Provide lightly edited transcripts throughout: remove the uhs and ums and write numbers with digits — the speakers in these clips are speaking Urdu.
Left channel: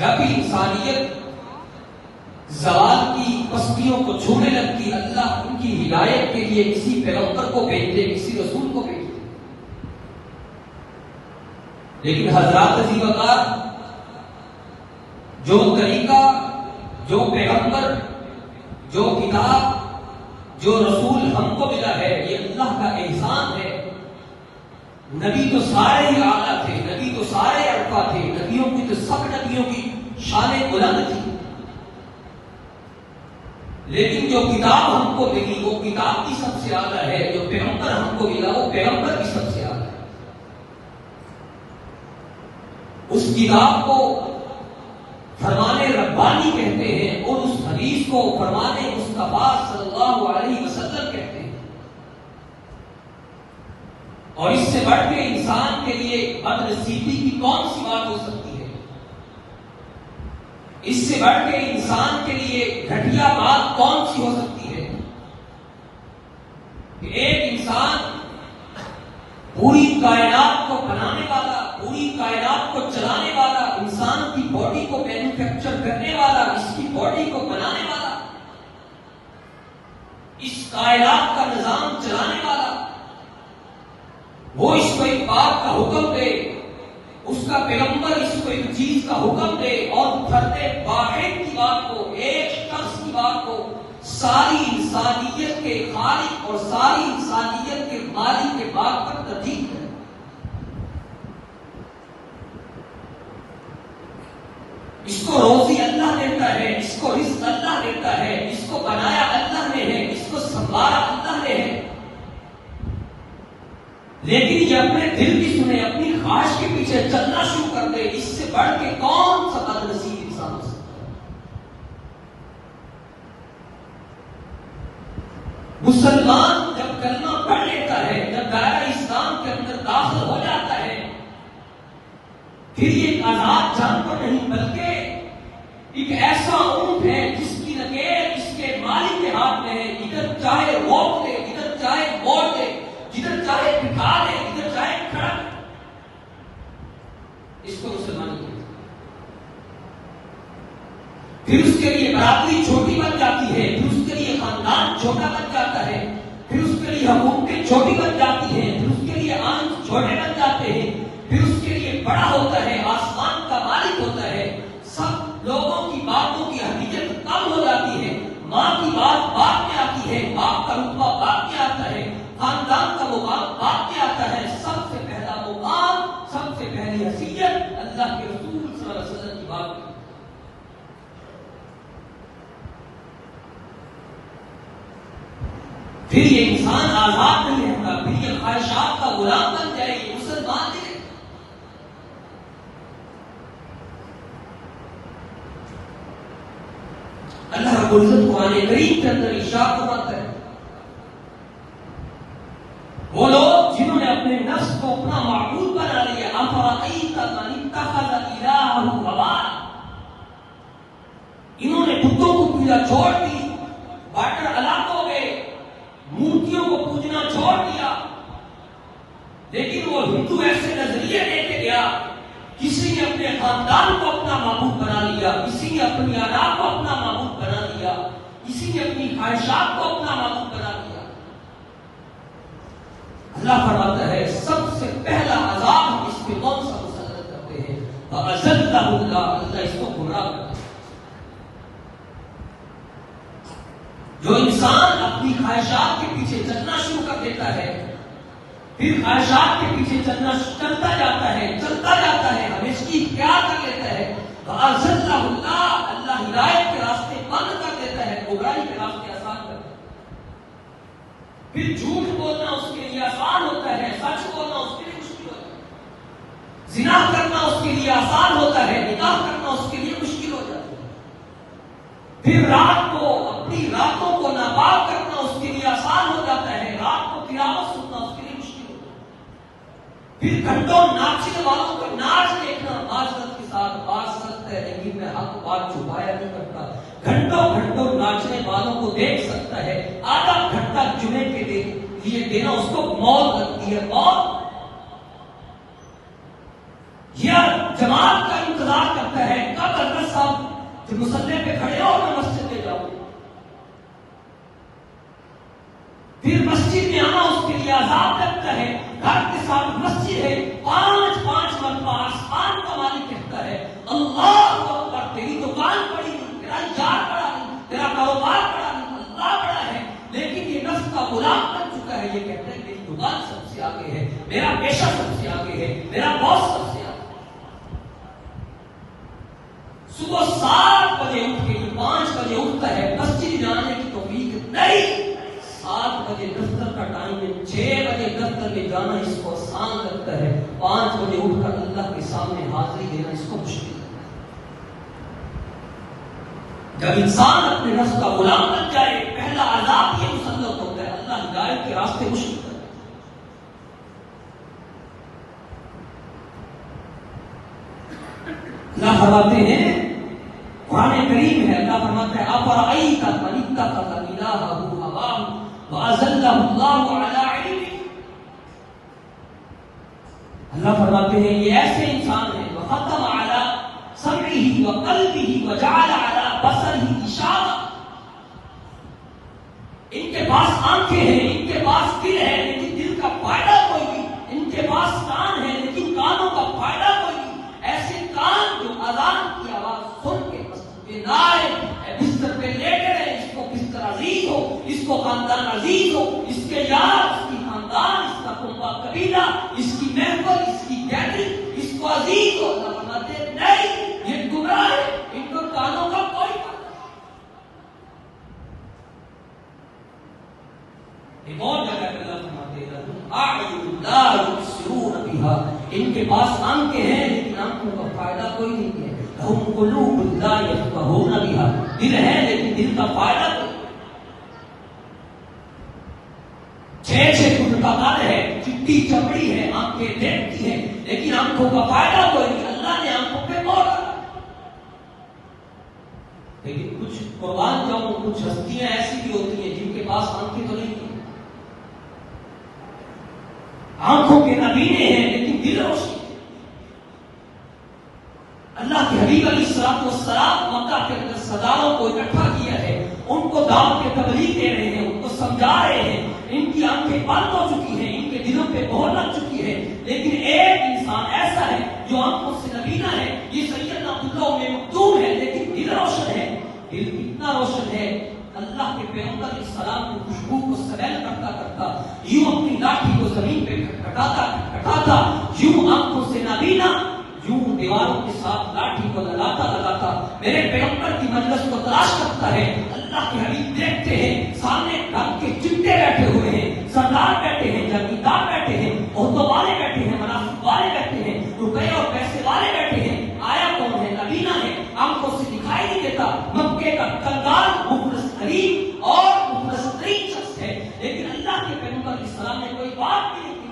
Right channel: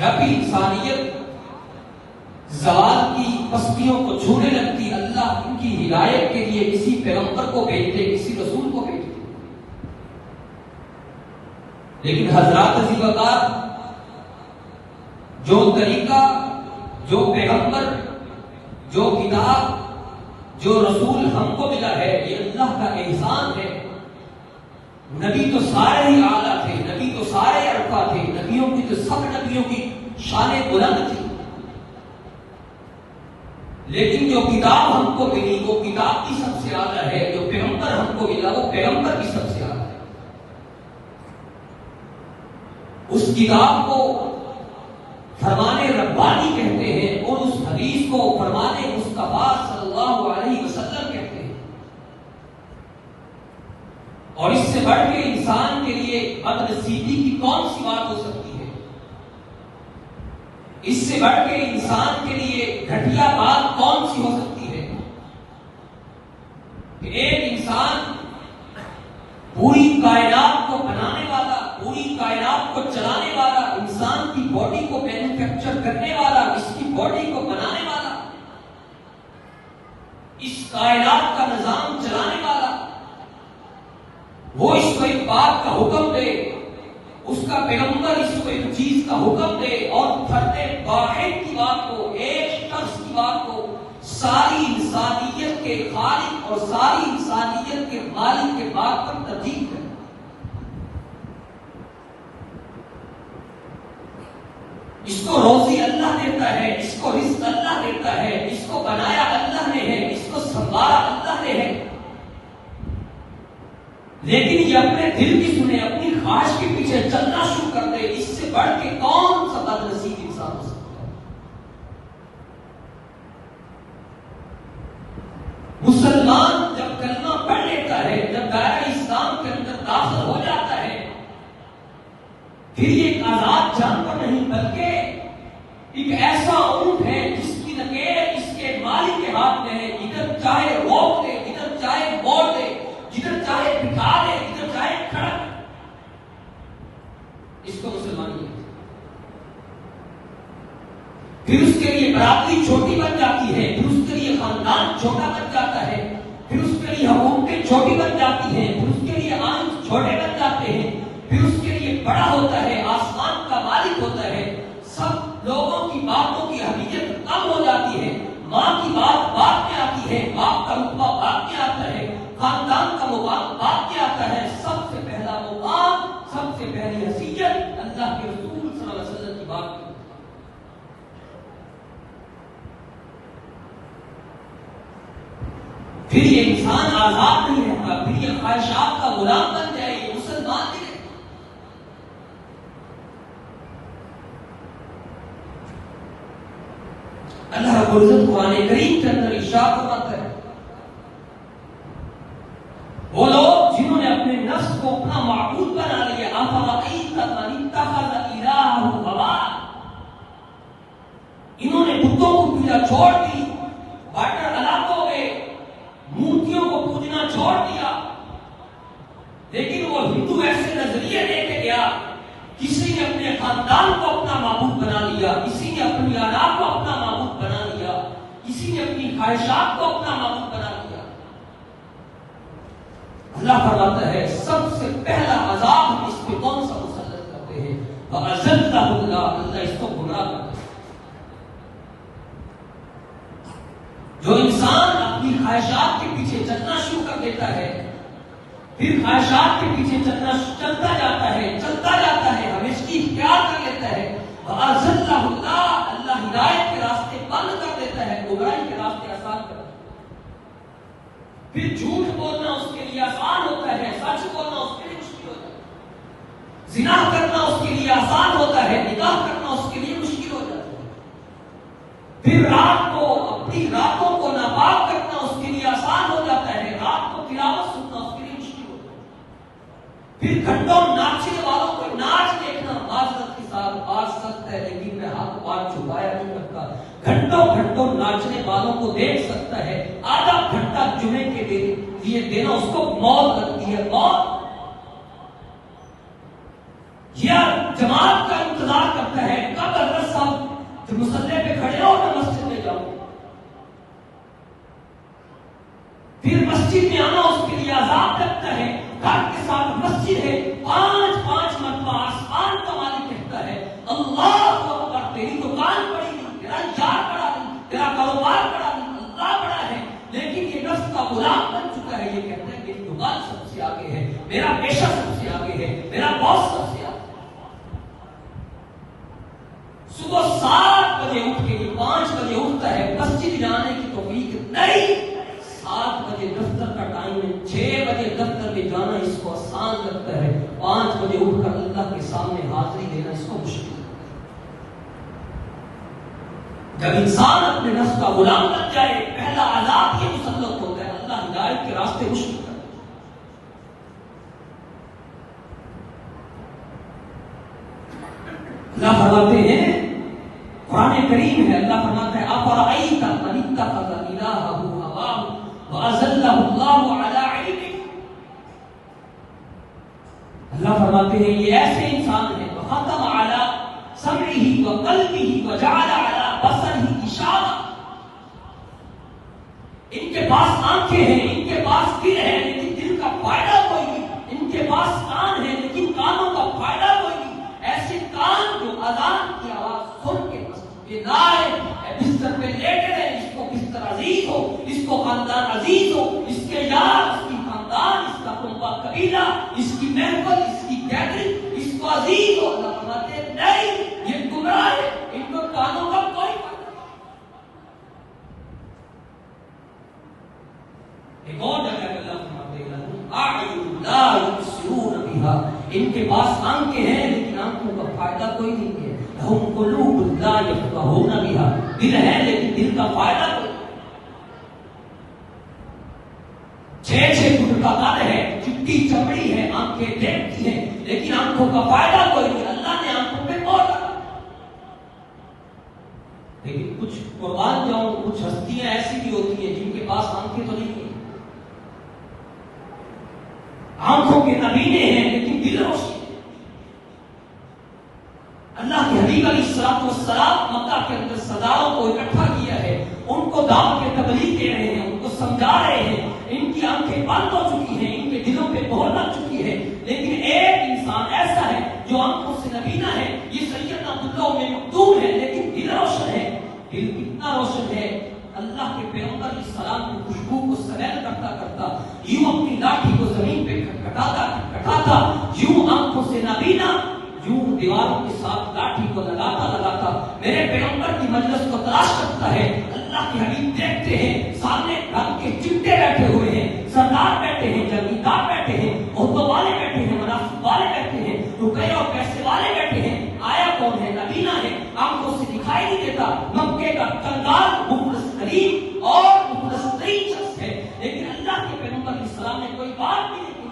جب بھی انسانیت زوال کی پستیوں کو چھونے لگتی، اللہ ان کی ہدایت کے لیے کسی پیغمبر کو بھیجتے، کسی رسول کو بھیجتے. لیکن حضرات عزیز وقار، جو طریقہ، جو پیغمبر، جو کتاب، جو رسول ہم کو ملا ہے، یہ اللہ کا احسان ہے. نبی تو سارے ہی اعلیٰ تھے، نبی تو سارے ارفا تھے، نبیوں کی تو سب نبیوں کی شان بلند تھی. لیکن جو کتاب ہم کو ملی وہ کتاب کی سب سے اعلیٰ ہے، جو پیغمبر ہم کو ملا وہ پیغمبر کی سب سے اعلیٰ ہے. اس کتاب کو فرمان ربانی کہتے ہیں اور اس حدیث کو فرمان مصطفیٰ صلی اللہ علیہ وسلم کہتے ہیں. اور اس سے بڑھ کے انسان کے لیے بدنصیبی کی کون سی بات ہو سکتی ہے؟ اس سے بڑھ کے انسان کے لیے گھٹیا بات کون سی ہو سکتی ہے کہ ایک انسان پوری کائنات کو بنانے والا، پوری کائنات کو چلانے والا، انسان کی باڈی کو مینوفیکچر کرنے والا، اس کی باڈی کو بنانے والا، اس کائنات کا نظام چلانے والا، وہ اس کو ایک بات کا حکم دے، اس کا پیغمبر اس کو ایک چیز کا حکم دے اور فرد واحد کی بات کو، ایک شخص کی بات کو ساری انسانیت کے خالق اور ساری انسانیت کے مالک کے بات پر ترجیح ہے. اس کو روزی اللہ دیتا ہے، اس کو رزق اللہ دیتا ہے، اس کو بنایا اللہ نے ہے، اس کو سنبھالا اللہ نے ہے. لیکن یہ اپنے دل کی سنے، اپنی خواہش کے پیچھے چلنا شروع کر دے، اس سے بڑھ کے کون سا بدنصیب انسان ہو سکتا ہے؟ مسلمان جب کلمہ پڑھ لیتا ہے، جب دائرہ اسلام کے اندر داخل ہو جاتا ہے، پھر یہ ایک آزاد جانور نہیں بلکہ ایک ایسا اونٹ ہے جس کی نکیر اس کے مالک کے ہاتھ میں ہے. ادھر چاہے روک دے، ادھر چاہے موڑ دے، جدھر چاہے بٹھا دے، جدھر چاہے کھڑا. اس کو مسلمانی ہے. پھر اس کے لیے برادری چھوٹی بن جاتی ہے، پھر اس کے لیے خاندان چھوٹا بن جاتا ہے، پھر اس کے لیے حکومتیں چھوٹی بن جاتی ہیں، پھر اس کے لیے آنکھ چھوٹے بن جاتے ہیں، پھر اس کے لیے بڑا ہوتا ہے، آسمان کا مالک ہوتا ہے. سب لوگوں کی باتوں کی اہمیت کم ہو جاتی ہے. ماں کی بات بعد میں آتی ہے، باپ کا رتبہ بعد میں آتا ہے، خاندان کا مقام بعد میں آتا ہے. سب سے پہلا مقام، سب سے پہلی حیثیت اللہ کے رسول صلی اللہ علیہ وسلم کی بات کی. پھر یہ انسان آزاد نہیں رہتا، پھر یہ خواہشات کا غلام بن جائے. یہ مسلمان نہیں. اللہ رب العزت قرآن کریم کے اندر ارشاد فرماتا ہے، وہ لوگ جنہوں نے اپنے نفس کو اپنا معبود بنا لیا، افرأیت من اتخذ الہہ ہواہ، انہوں نے بتوں کو پوجا چھوڑ دی، باٹر الگ ہو گئے، مورتیوں کو پوجنا چھوڑ دیا. لیکن وہ ہندو ایسے نظریے لے کے گیا، کسی نے اپنے خاندان کو اپنا معبود بنا لیا، کسی نے اپنی آرا کو اپنا معبود بنا لیا، کسی نے اپنی خواہشات کو اپنا معبود بنا لیا. اللہ فرماتا ہے سب سے پہلا عذاب ہم اس پہ کون سا مسلط کرتے ہیں؟ فَأَذَلَّهُ اللَّهُ، اللہ اس کو گمراہ کرتا ہے. جو انسان اپنی خواہشات کے پیچھے چلنا شروع کر دیتا ہے، پھر خواہشات کے پیچھے چلتا جاتا ہے، ہمیشہ اختیار کر لیتا ہے. فَأَذَلَّهُ اللَّهُ، اللہ ہدایت کے راستے بند کر دیتا ہے، برائی کے راستے آسان کرتا ہے. پھر جھوٹ بولنا اس کے لیے آسان ہوتا ہے، سچ بولنا اس کے لیے مشکل ہوتا ہے. زنا کرنا اس کے لیے آسان ہوتا ہے، نکاح کرنا اس کے لیے مشکل ہوتا ہے. پھر رات کو اپنی راتوں کو ناپاک کرنا اس کے لیے آسان ہو جاتا ہے، رات کو تلاوت سننا اس کے لیے مشکل ہوتا ہے. پھر گھنٹوں ناچنے والوں کو ناچ دیکھنا معذرت کے ساتھ آ سکتا ہے، لیکن میں ہاتھ پار چھپایا نہیں کرتا. گھنٹوں ناچنے والوں کو دیکھ سکتا ہے، آدھا گھنٹہ جمعے کے لیے دینا اس کو موت لگتی ہے. موت یا جماعت کا انتظار کرتا ہے، کب اللہ کہ مصلی پہ کھڑے ہو میں مسجد میں جاؤ، پھر مسجد میں آنا اس کے لیے عذاب لگتا ہے. گھر کے ساتھ مسجد ہے، 5 مرتبہ آسمان کا مالک کہتا ہے اللہ اکبر، تیری دکان بڑی نہیں، تیرا یار بڑا نہیں، تیرا کاروبار بڑا نہیں، اللہ بڑا ہے. لیکن یہ نفس کا غلام بن چکا ہے، یہ کہتا ہے میری دکان سب سے آگے ہے، میرا پیشہ سب سے آگے ہے، میرا باس سب سے آگے. صبح 7 بجے اٹھ کے 5 بجے اٹھتا ہے، مسجد جانے کی توفیق نہیں. 7 بجے دفتر کا ٹائم ہے، 6 بجے دفتر میں جانا اس کو آسان لگتا ہے، 5 بجے اٹھ کر اللہ کے سامنے حاضری دینا اس کو مشکل ہے. جب انسان اپنے نفس کا غلام بن جائے، پہلا عذاب یہ مسلط ہوتا ہے، اللہ ہدایت کے راستے مشکل ہے. اللہ فرماتے ہیں، قرآن کریم ہے، اللہ فرماتا ہے افرأیت من اتخذ الہہ ہواہ وأضلہ اللہ علی علم. اللہ فرماتے ہیں یہ ایسے انسان ہیں وختم علی سمعہ وقلبہ وجعل علی بصرہ غشاوہ. ان کے پاس آنکھیں ہیں، ان کے پاس دل ہے، لیکن دل کا فائدہ کوئی نہیں. ان کے پاس کان ہے، لیکن کانوں کا فائدہ کوئی نہیں. ایسے کان جو اذان کی آواز سن کے بیدار بستر پہ لیٹ رہے، اس کو بستر عزیز ہو، اس کو خاندان عزیز ہو، اس کے یار، اس کی خاندان، اس کا کنبہ قبیلہ، اس کی محفل، اس کی گیدرنگ اس کو عزیز ہو. اللہ فرماتے ہیں نہیں، یہ گمراہ ہے، ان کو کانوں کا کوئی فائدہ نہیں. ایک اور جگہ پہ اللہ فرماتے ہیں اعین لا یبصرون بہا، ان کے پاس آنکھیں ہیں لیکن آنکھوں کا فائدہ کوئی نہیں ہے. ہم قلوب لا یفقہون بہا، دل ہے لیکن دل کا فائدہ کوئی. 6 فٹ کا قد ہے، چپٹی چمڑی ہے، آنکھیں دیکھتی ہیں لیکن آنکھوں کا فائدہ کوئی نہیں. اللہ نے آنکھوں پہ موڑ رکھا. لیکن کچھ قربان جاؤں، کچھ ہستیاں ایسی بھی ہوتی ہیں جن کے پاس آنکھیں تو نہیں ہیں، آنکھوں کے نبینے ہیں لیکن دل روشن. اللہ کے حبیب علیہ الصلوۃ والسلام مکہ کے اندر سرداروں کو اکٹھا کیا ہے، ان کو دعوت کے تبلیغ دے رہے ہیں، ان کو سمجھا رہے ہیں. ان کی آنکھیں بند ہو چکی ہیں، ان کے دلوں پہ مہر لگ چکی ہے، لیکن ایک انسان ایسا ہے جو آنکھوں سے نبینا ہے. یہ سیدنا عبداللہ میں مکتوم ہے لیکن دل روشن ہے. دل کتنا روشن ہے، اللہ کے پیغمبر علیہ السلام کی خوشبو کو سمیل کرتا کرتا یوں اپنی لاٹھی کو زمین پہ کٹاتا، یوں آنکھوں سے نبینا، یوں دیواروں کے ساتھ لاٹھی کو لگاتا میرے پیغمبر کی مجلس کو تلاش کرتا ہے. اللہ کے حبیب دیکھتے ہیں سامنے رنگ کے چمٹے بیٹھے ہوئے ہیں، سردار بیٹھے ہیں، جاگیردار بیٹھے ہیں، عہدوں والے بیٹھے ہیں، مناصب والے بیٹھے ہیں، روپے اور پیسے والے بیٹھے ہیں. آیا کون ہے؟ نبینا ہے، آنکھوں سے دکھائی نہیں دیتا. مکے کا کنگال مخلص ترین اور مخلص ترین شخص ہے، لیکن اللہ کے پیغمبر علیہ السلام نے کوئی بات بھی نہیں کی.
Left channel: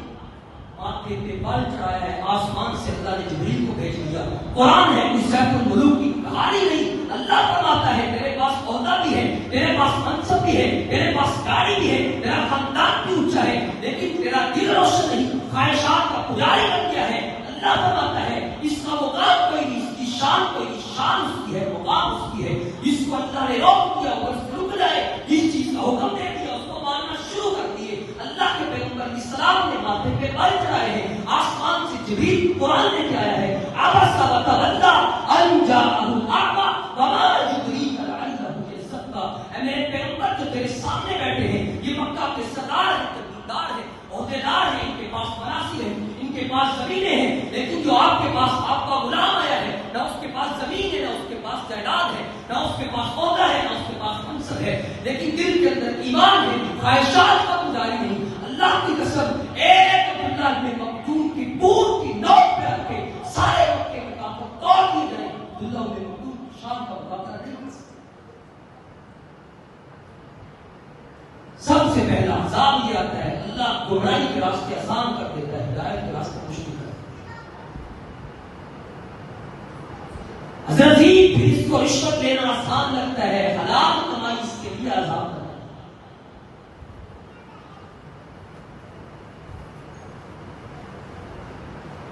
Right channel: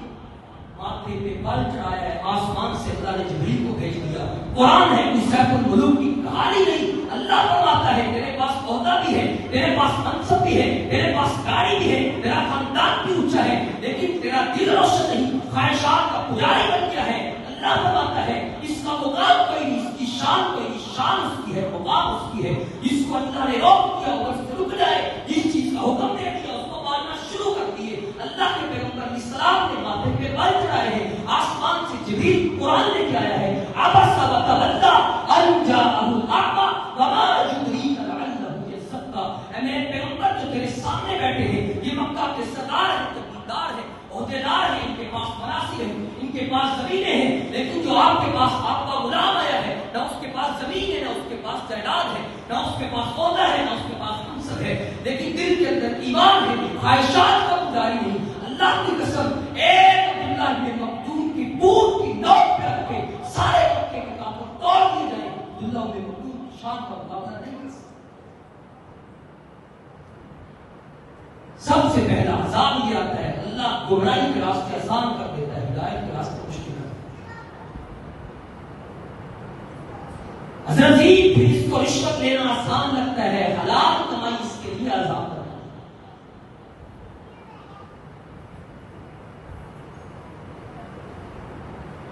ماتھے پہ بال چڑھایا ہے، آسمان سے اللہ نے جبریل کو بھیج دیا. قرآن ہے، کوئی سیف الملوک کی کہانی نہیں. اللہ فرماتا ہے تیرے پاس عہدہ بھی ہے، تیرے پاس منصب بھی ہے، تیرے پاس گاڑی بھی ہے، تیرا خاندان بھی اونچا ہے، لیکن تیرا دل روشن نہیں، خواہشات کا پجاری بن گیا ہے. اللہ فرماتا ہے اس کا مقام کوئی نہیں، اس کی شان کوئی نہیں، شان اس کی ہے، مقام اس کی ہے. جس کو اللہ نے روک دیا وہ اس سے رک جائے، جس چیز کا حکم دے دیا اس کو ماننا شروع کر دیے. اللہ کے پیغمبر علیہ السلام نے ماتھے پہ بال چڑھائے ہیں، آسمان سے جبریل قرآن لے کے آیا ہے. عبس وتولى ان جاءه الاعمى وما يدريك لعله يزكى. اے میرے پیغمبر جو تیرے سامنے بیٹھے ہیں یہ مکہ کے سردار ہیں، جگیردار ہیں، عہدیدار ہیں، ان کے پاس مناصب ہیں، ان کے پاس زمینیں ہیں، لیکن جو آپ کے پاس آپ کا غلام آیا ہے نہ اس کے پاس زمین ہے، نہ اس کے پاس جائیداد ہے، نہ اس کے پاس عہدہ ہے، نہ اس کے پاس منصب ہے، لیکن دل کے اندر ایمان ہے، خواہشات کا گزاری نہیں. اللہ کی قسم ایک عبداللہ بن مکتوم کی بوٹ کی نوک پہ رکھ کے سارے مکے کے کافر توڑ دیے جائیں، عبداللہ بن مکتوم شام کا مقابلہ نہیں کر سکتے. سب سے پہلا عذاب یہ آتا ہے، اللہ گمراہی کے راستے آسان کر دیتا ہے، ہدایت کے راستے مشکل کر دیتا ہے. حضرت جی پھر اس کو رشوت لینا آسان لگتا ہے، حلال کمائی اس کے لیے عذاب ہے.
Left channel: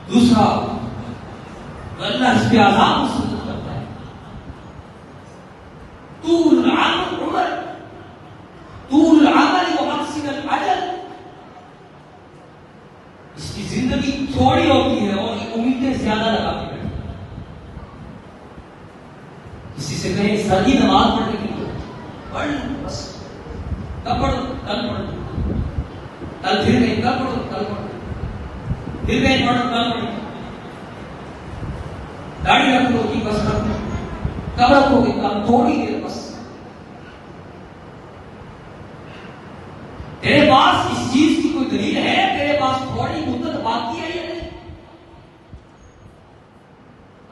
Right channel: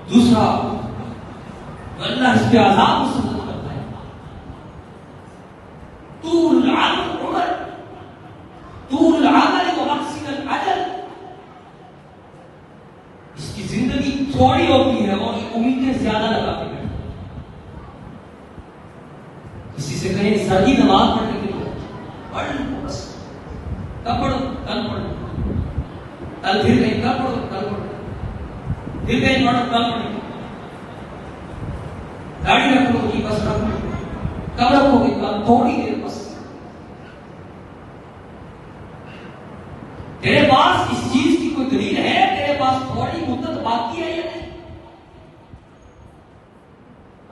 دوسرا اللہ اس پہ عذاب مسلط کرتا ہے. نہیں ہوتی ہے اور امیدیں زیادہ لگا کے بیٹھے. کسی سے کہیں سردی نماز پڑھنے کے لیے پڑھ لیں بس. کب پڑھو؟ کل پڑھو. کل پھر کہیں کل پڑھو؟ کل پڑھو. پھر کہیں پڑھو؟ کل پڑھو. داڑھی رکھو گی بس رکھو. کب رکھو گے؟ کل. تھوڑی دیر بس. تیرے پاس اس چیز کی کوئی دلیل ہے؟ تیرے پاس تھوڑی مدت باقی ہے یا نہیں؟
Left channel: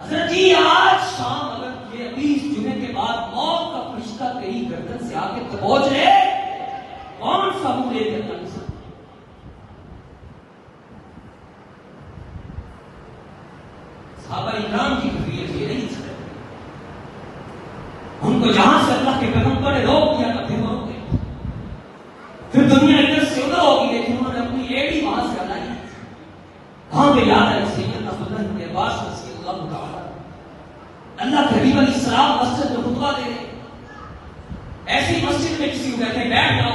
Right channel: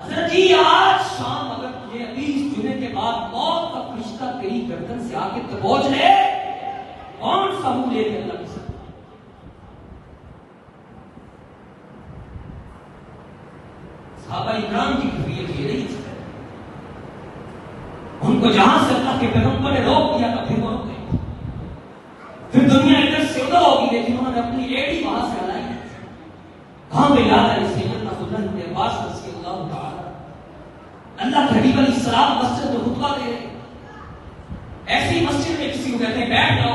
حضرت جی آج شام اگر یہ 20 جمعے کے بعد موت کا فرشتہ تیری گردن سے آ کے دبوچ لے، کون سا منہ لے کر لگ سکتا؟ صحابہ اکرام کی طبیعت یہ نہیں سکتا. ان کو جہاں سے اللہ کے پیغمبر نے روک دیا تھا پھر وہ روک گئے. پھر دنیا اندر سیدھا ہوگی لیکن انہوں نے اپنی ایڈی وہاں سے ہٹائی. وہاں پہ یاد ہے سیدنا عبداللہ بن عباس رضی اللہ تعالی اللہ کے حبیب علیہ السلام مسجد میں خطبہ دے رہے. ایسی مسجد میں کسی کو کہتے ہیں بیٹھ جاؤ.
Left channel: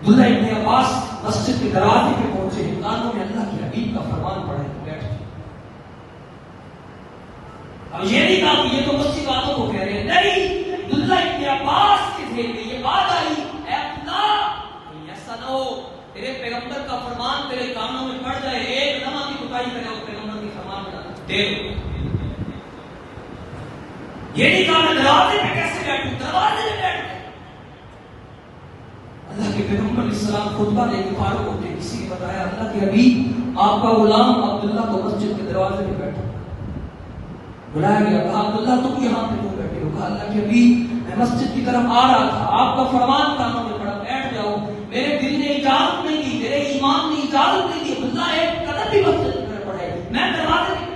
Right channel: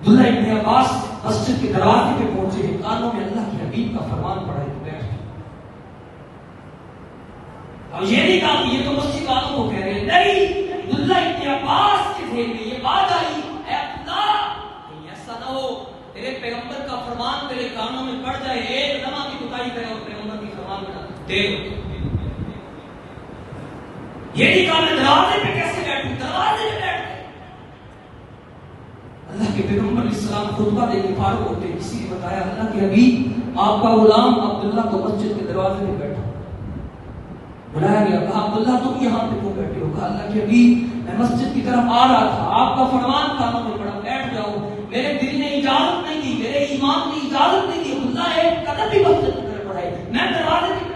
عبداللہ بن عباس مسجد کے دروازے پہ پہنچے، کانوں میں اللہ کے حبیب کا فرمان پڑا ہے بیٹھ جاؤ. اور یہ نہیں کہا کہ یہ تو مسجد والوں کو کہہ رہے ہیں، نہیں، عبداللہ بن عباس کے ذہن میں یہ بات آئی، اے عبداللہ کہیں ایسا نہ ہو تیرے پیغمبر کا فرمان تیرے کانوں میں پڑ جائے، ایک لمحہ کی کوتاہی کرے اور پیغمبر کے فرمان میں دے. یہ نہیں کہا میں دروازے پہ کیسے بیٹھوں، دروازے پہ بیٹھ گئے. اللہ کے پیغمبر علیہ السلام خطبہ دے کے فارغ ہوتے کسی نے بتایا اللہ کے حبیب آپ کا غلام عبداللہ کو مسجد کے دروازے پہ بیٹھا. بلایا گیا، کہا عبداللہ تم یہاں پہ کیوں بیٹھے ہو؟ کہا اللہ کے حبیب میں مسجد کی طرف آ رہا تھا، آپ کا فرمان تھا میں پڑا بیٹھ جاؤ. میرے دل نے اجازت نہیں دی، میرے ایمان نے اجازت نہیں دی عبداللہ ایک قدم بھی مسجد کی طرف بڑھائے. میں دروازے پہ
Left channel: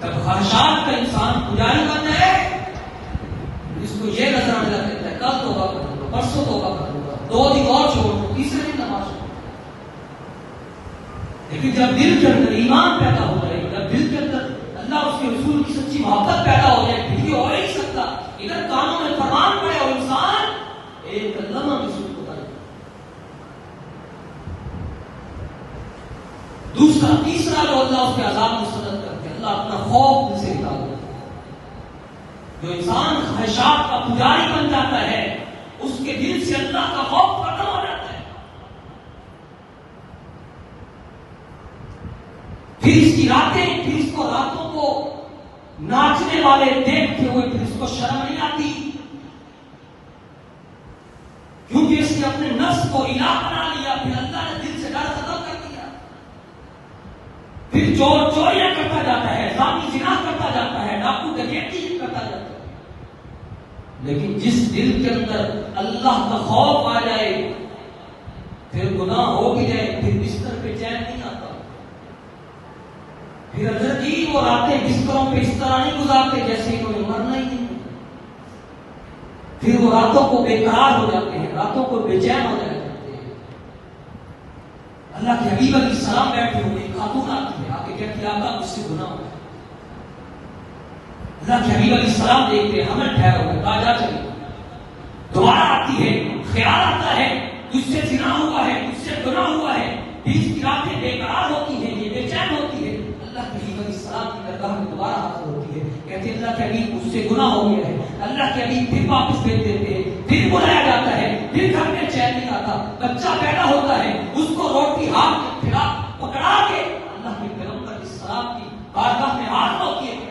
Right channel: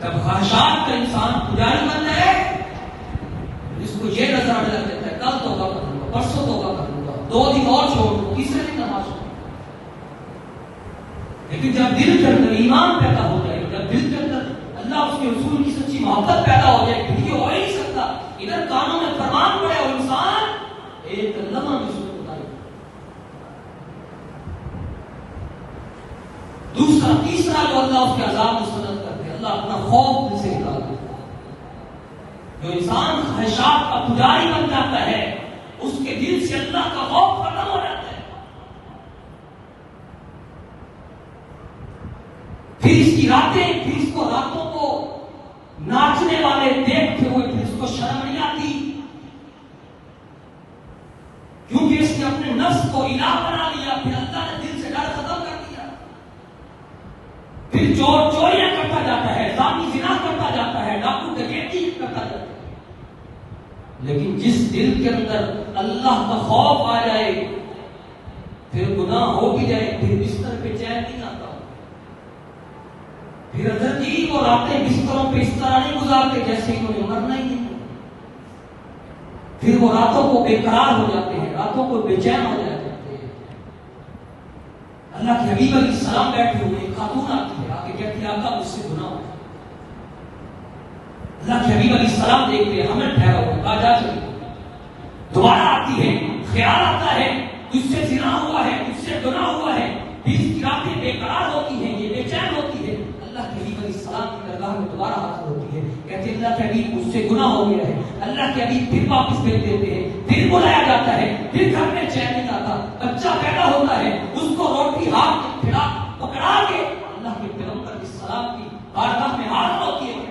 جب خواہشات کا انسان پجاری بن جائے اس کو یہ نظر آ جاتا ہے کل توبہ کروں گا، پرسوں توبہ کروں گا، 2 دن اور چھوڑوں، تیسرے دن نماز چھوڑوں. لیکن جب دل کے اندر ایمان پیدا ہو جائے، جب دل کے اندر اللہ اس کے رسول کی سچی محبت پیدا ہو جائے، پھر یہ ہو ہی نہیں سکتا. ادھر کانوں میں فرمان پڑے اور انسان ایک لمحہ میں شروع ہوتا ہے. دوسرا تیسرا جو اللہ اس کے عذاب مسترد کرتے ہیں، اللہ اپنا خوف ان سے نکال دیتا ہے. جو انسان خواہشات کا پجاری بن جاتا ہے اس کے دل سے اللہ کا خوف ختم ہو جاتا ہے. پھر اس کی راتیں، پھر اس کو راتوں کو ناچنے والے دیکھتے ہوئے پھر اس کو شرم نہیں آتی، کیونکہ اس نے اپنے نفس کو الہ بنا لیا. پھر اللہ نے دل سے ڈر ختم کر دیا. پھر چور چوریاں کرتا جاتا ہے، زانی زنا کرتا جاتا ہے، ڈاکو ڈکیتی کرتا جاتا ہے. لیکن جس دل کے اندر اللہ کا خوف آ جائے پھر گناہ ہو بھی جائے پھر بستر پہ چین نہیں آتا. پھر حضرت جی وہ راتیں بستروں پہ اس طرح نہیں گزارتے جیسے کوئی مرنا ہی نہیں. پھر وہ راتوں کو بے قرار ہو جاتے ہیں، راتوں کو بے چین ہو جاتے ہیں. اللہ کے حبیب علیہ السلام بیٹھے ہوئے، خاتون آتی ہے، آ کے کہتی ہے آقا مجھ سے گناہ ہو. اللہ کے حبیب علیہ السلام دیکھتے ہیں ہمیں ٹھہرا ہوا، کہا جا چلی. دوبارہ آتی ہے، خیال آتا ہے تجھ سے زنا ہوا ہے، تجھ سے گناہ ہوا ہے. پھر اس کی راتیں بے قرار ہوتی ہیں، یہ بے چین ہوتی ہے. اللہ کے حبیب علیہ السلام کی درگاہ میں دوبارہ حاضر ہوتی ہے، کہتے ہیں اللہ کے حبیب مجھ سے گناہ ہو گیا ہے. اللہ کے حبیب پھر واپس بھیج دیتے ہیں، پھر بلایا جاتا ہے، پھر گھر میں چین نہیں آتا. بچہ پیدا ہوتا ہے، اس کو روٹی ہاتھ میں کھلا پکڑا کے اللہ کے پیغمبر علیہ السلام کی بارگاہ میں حاضر ہوتی ہے.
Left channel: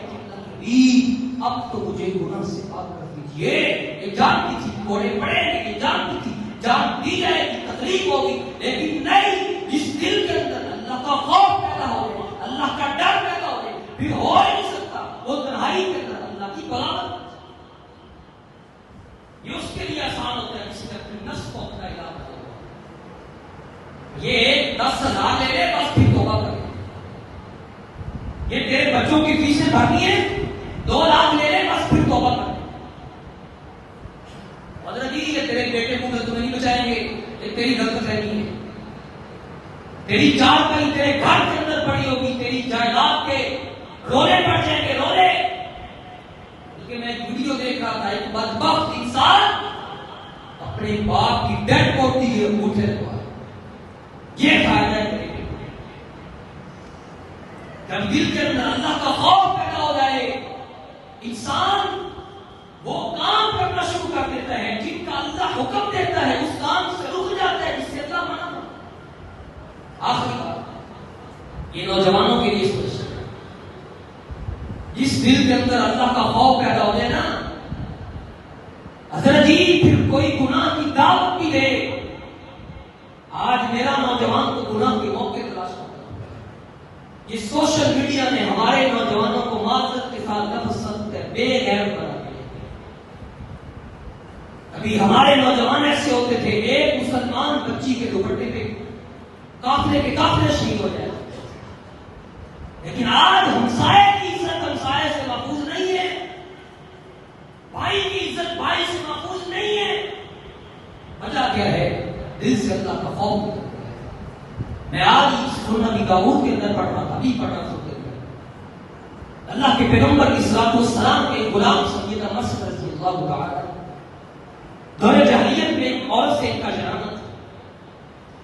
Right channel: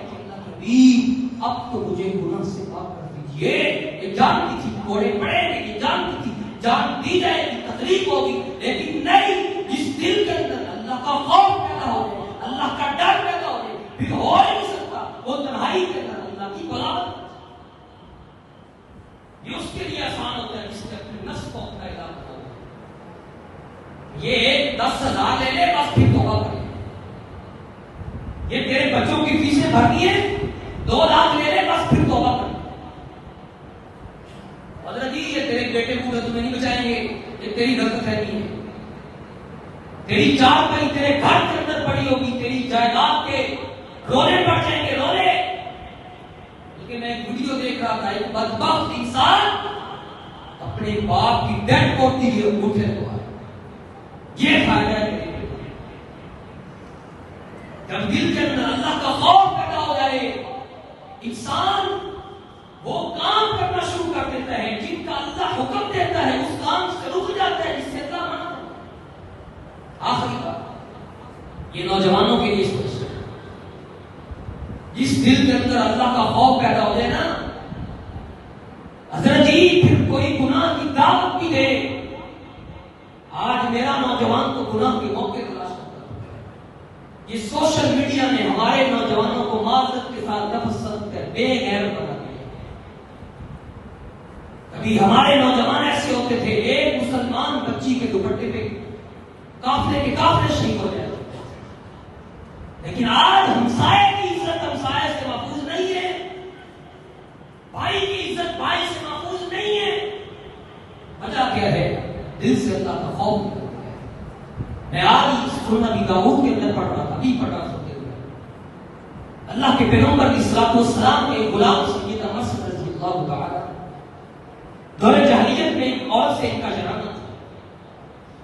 اب تو مجھے گناہ سے پاک کر دیجیے. یہ جانتی تھی کوڑے پڑے گے، یہ جانتی تھی جان دی جائے گی، تکلیف ہوگی، لیکن نہیں. جس دل کے اندر اللہ کا خوف پیدا ہو جائے، اللہ کا ڈر پیدا ہو جائے، پھر ہو ہی نہیں سکتا وہ تنہائی کے اندر اللہ کی بغاوت. یہ اس کے لیے آسان ہوتا ہے جس نے اپنے نفس کو اپنا علاج ہو. یہ 10,000 لے لے بس پھر توبہ کرے. یہ تیرے بچوں کی فیسیں بھرنی ہے، 2 لاکھ لے لے بس پھر توبہ کر. حضرت یہ تیرے بیٹے بوڑھے تمہیں نہیں بچائیں گے، یہ تیری غلط ہے نہیں ہے. تیری چار کہیں تیرے گھر کے اندر پڑی ہوگی، تیری جائیداد کے رونے پڑ جائیں گے، رونے. بلکہ میں ایک ویڈیو دیکھ رہا تھا، ایک بدبخت انسان اپنے باپ کی ڈیڈ ہوتی ہے انگوٹھے کو یہ فائدہ ہے. جب دل کے اندر اللہ کا خوف پیدا ہو جائے انسان وہ کام کرنا شروع کر دیتا ہے جن کا اللہ حکم دیتا ہے اس کام سے رک جاتا ہے جس سے اللہ منع. آخری بات یہ نوجوانوں کے لیے سوچ جس دل کے اندر اللہ کا خوف پیدا ہو جائے نا حضرت پھر کوئی گناہ کی دعوت بھی دے. آج میرا نوجوان تو گناہ کے موقع تلاش کرتا ہے. یہ سوشل میڈیا نے ہمارے نوجوانوں کو معذرت کے ساتھ لفظ بے غیر بنا دیا. ابھی ہمارے نوجوان ایسے ہوتے تھے ایک مسلمان بچی کے دوپٹے پہ قافلے کے قافلے شہید ہو جائے. لیکن آج ہمسائے کی عزت ہمسائے سے محفوظ نہیں ہے, بھائی کی عزت بھائی سے محفوظ نہیں ہے. وجہ کیا ہے؟ دل سے اللہ کا خوف. میں آج اس سورہ داؤد کے اندر پڑھ رہا تھا, ابھی پڑھ رہا تھا. اللہ کے پیغمبر کی صلاۃ والسلام کے غلام سیدنا مسعود رضی اللہ تعالی دور جاہلیت میں ایک اور سے ان کا شرانہ تھا.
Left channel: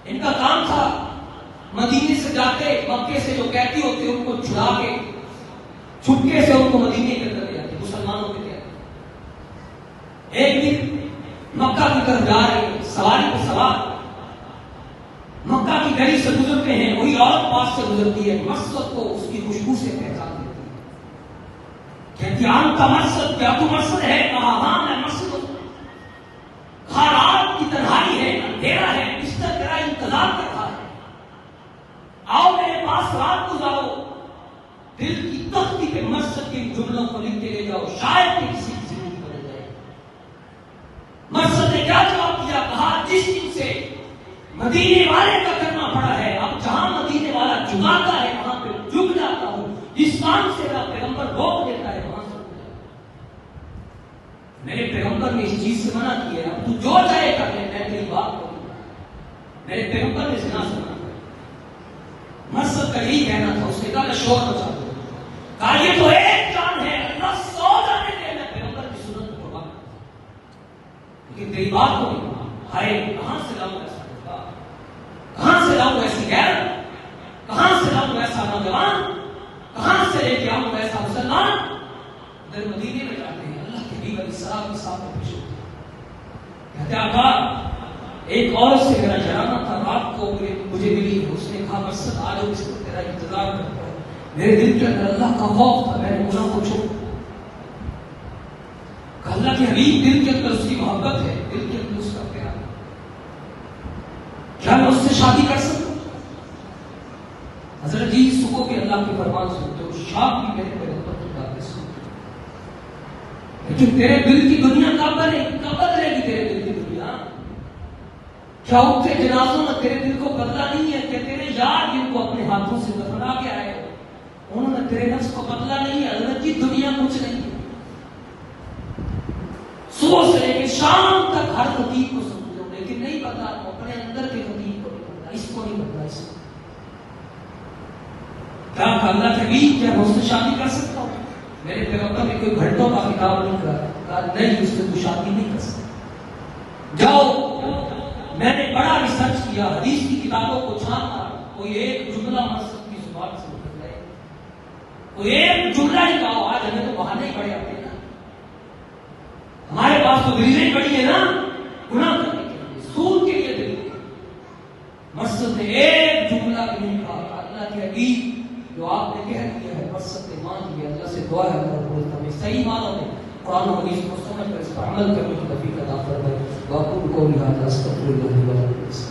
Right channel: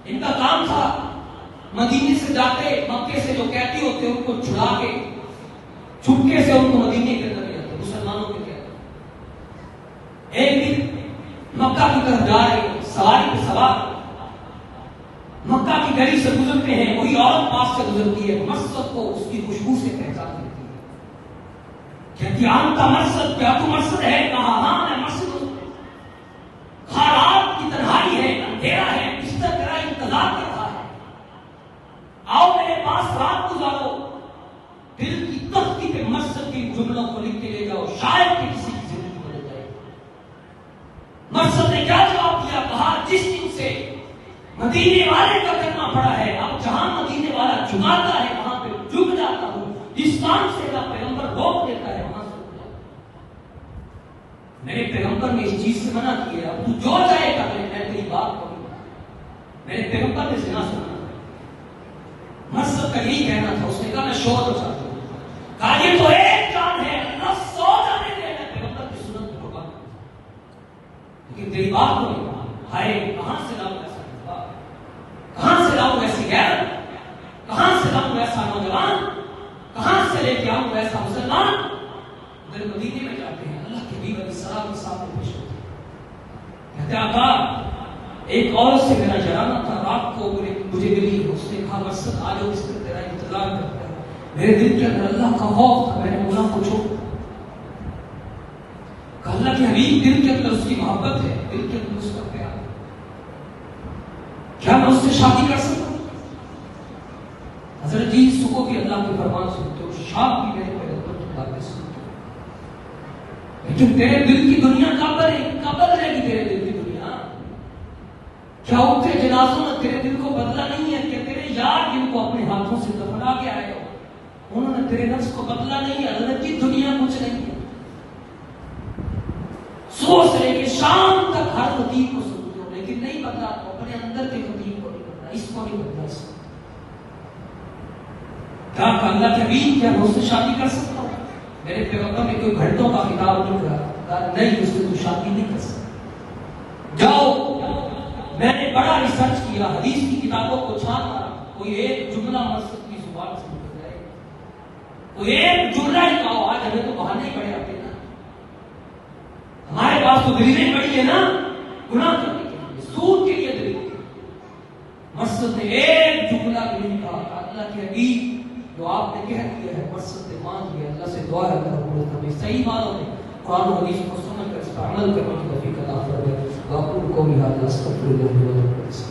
ان کا کام تھا مدینے سے جاتے مکے سے جو قیدی ہوتے ان کو چھڑا کے چھپکے سے ان کو مدینے کے اندر لے جاتے مسلمانوں کے قیدی. ایک دن مکہ کی طرف جا رہے سواری پہ سوار مکہ کی گلی سے گزرتے ہیں, وہی عورت پاس سے گزرتی ہے, مسجد کو اس کی خوشبو سے پہچان دیتی ہے. کہتی عام کا مقصد کیا تو مقصد ہے؟ کہا ہاں میں مقصد ہوں. کہا رات کی تنہائی ہے, اندھیرا ہے, بستر میرا انتظار کر رہا ہے, آؤ میرے پاس رات گزارو. دل کی تختی پہ مقصد کے جملوں کو لکھ کے لے جاؤ, شاید کہ کسی کی زندگی بدل جائے. مقصد نے کیا جواب دیا؟ کہا جس دن سے مدینے والے کا کرنا پڑا ہے, اب جہاں مدینے والا جھکاتا ہے وہاں پہ جھک جاتا ہوں. جس کام سے میرا پیغمبر روک دیتا ہے وہاں سے میرے پیغمبر نے اس چیز سے منع کیا. اب تو جو چاہے کر لے, میں تیری بات کروں. میرے پیغمبر نے زنا سے منع. مقصد کا یہی کہنا تھا. اس نے کہا میں شوہر کو چاہتا ہوں. کہا یہ تو ایک جان ہے, اللہ 100 جانے دے. میں پیغمبر کی سنت کو ٹھکا لیکن تیری بات کو نہیں. ہائے کہاں سے لاؤں ایسا جذبہ, کہاں سے لاؤں ایسی غیر, کہاں سے لاؤں ایسا نوجوان, کہاں سے لے کے آؤں ایسا مسلمان. ادھر مدینے میں جاتے ہیں, اللہ کے حبیب علیہ السلام کے سامنے پیش ہوتے ہیں. کہتے ہیں آقا ایک اور سے میرا جرانہ تھا, رات کو مجھے ملی. اس نے کہا مقصد آ جاؤ, اس کو تیرا انتظار کرتا ہوں. میرے دل کے اندر اللہ کا خوف تھا, میں نے گناہ کو چھوڑ. کہا اللہ کے حبیب دل کے اندر اس کی محبت ہے, دل کے اندر اس کا پیار, کیا میں اس سے شادی کر سکتا ہوں؟ حضرت جی سکو کے اللہ کے فرمان سنتے ہو, شاپ بھی میرے پیغمبر کی باتیں سنتے ہو. لیکن تیرے دل کی دنیا کب بدلے گی؟ تیرے دل کی دنیا کیا اٹھتے جنازوں نے تیرے دل کو بدلا نہیں ہے؟ کہ تیرے یار جن کو اپنے ہاتھوں سے دفنا گیا ہے انہوں نے تیرے نفس کو بدلا نہیں ہے. حضرت جی دنیا کچھ نہیں ہے. صبح سے لے کے شام تک ہر خطیب کو سنتے ہو, لیکن نہیں پتا اپنے اندر کے خطیب کو نہیں پتا, اس کو نہیں پتا. کیا اللہ کے حبیب کیا میں اس سے شادی کر سکتا ہوں؟ میرے پیغمبر نے کوئی گھنٹوں کا کتاب نہیں کہا, کہا نہیں اس سے تو شادی نہیں کر سکتا. جاؤ, میں نے بڑا ریسرچ کیا, حدیث کی کتابوں کو چھانتا, کوئی ایک جملہ مقصد کی زبان سے نکل جائے, کوئی ایک جملہ ہی کہو. آج ہمیں تو بہانے ہی بڑے آتے ہیں نا, ہمارے پاس تو دلیلیں بڑی ہے نا گناہ کرنے کے لیے, سود کے لیے دلیلیں. مقصد نے ایک جملہ بھی نہیں کہا. اللہ کے حبیب جو آپ نے کہہ دیا ہے مقصد نے مان لیا, اللہ سے دعا ہے کہ صحیح مانو, قرآن و حدیث کو سمجھ کر اس کا عمل کرنے کی توفیق عطا فرمائے. واقعی کو بھی حاضر استغفر اللہ.